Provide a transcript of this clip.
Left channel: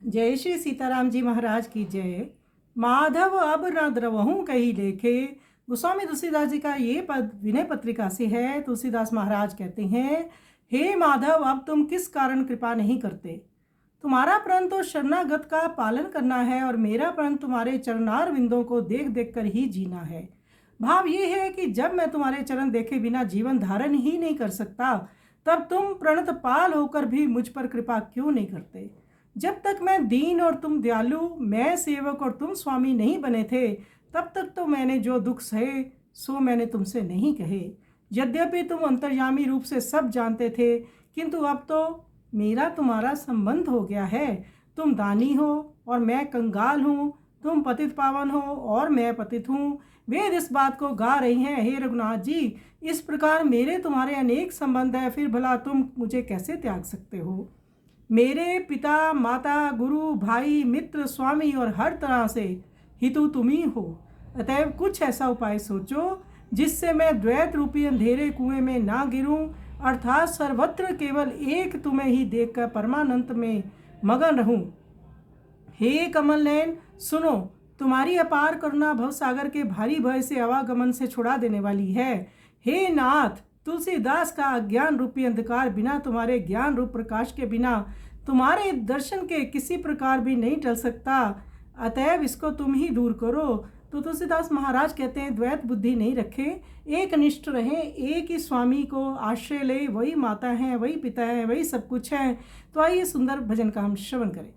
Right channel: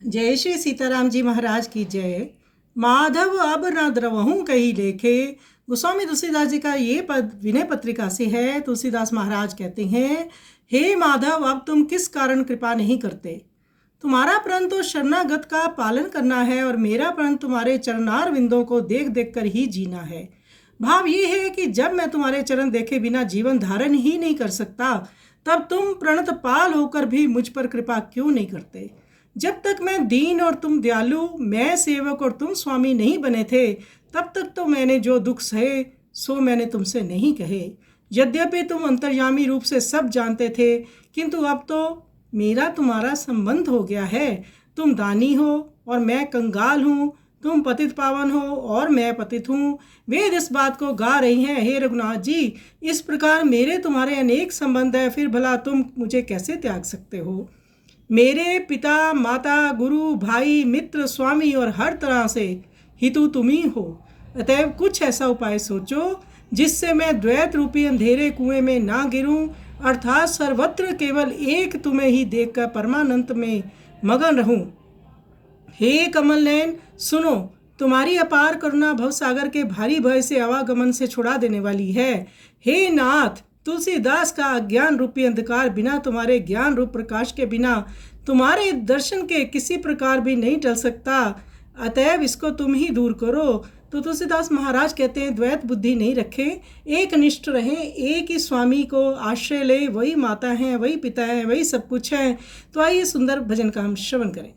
जय श्री सीताराम जी महाराज की जय। माधव अब न द्रवहूँ कहीं लेखे। गोस्वामी तुलसीदास जी का ये पद विनय पत्रिका से है। तुलसीदास महाराज कहते हैं, हे माधव, अब तुम किस कारण कृपा नहीं करते? तुम्हारा प्रण तो शरणागत का पालन करना है और मेरा प्रण तुम्हारे चरणार विंदों को देख देख कर ही जीना है। भाव ये है कि जब मैं तुम्हारे चरण देखे बिना जीवन धारण ही नहीं कर सकता, तब तुम प्रणत पाल होकर भी मुझ पर कृपा क्यों नहीं करते? जब तक मैं दीन और तुम दयालु, मैं सेवक और तुम स्वामी नहीं बने थे, तब तक तो मैंने जो दुख सहे सो मैंने तुमसे नहीं कहे। यद्यपि तुम अंतर्यामी रूप से सब जानते थे, किंतु अब तो मेरा तुम्हारा संबंध हो गया है। तुम दानी हो और मैं कंगाल हूँ, तुम पतित पावन हो और मैं पतित हूँ। वेद इस बात को गा रही हैं, हे रघुनाथ जी, इस प्रकार मेरे तुम्हारे अनेक संबंध है, फिर भला तुम मुझे कैसे त्याग सकते हो? मेरे पिता, माता, गुरु, भाई, मित्र, स्वामी और हर तरह से हितु तुम ही हो। अतएव कुछ ऐसा उपाय सोचो जिससे मैं द्वैत रूपी अंधेरे कुएं में ना गिरूं, अर्थात सर्वत्र केवल एक तुम्हें ही देखकर परमानंद में मगन रहूं। हे कमल नयन, सुनो, तुम्हारी अपार करुणा भवसागर के भारी भय से आवागमन से छुड़ा देने वाली है। हे नाथ, तुलसीदास का अज्ञान रूपी अंधकार बिना तुम्हारे ज्ञान रूप प्रकाश के बिना तुम्हारे दर्शन के किसी प्रकार भी नहीं टल सकता। अतएव इसको तुम ही दूर करो। तो तुलसीदास महाराज कहते हैं, द्वैत बुद्धि नहीं रखें, एक निष्ठ रहें, एक ही स्वामी को आश्रय ले। वही माता हैं, वही पिता हैं, वही सब कुछ है। तो आइए सुंदर भजन का हम श्रवण करें।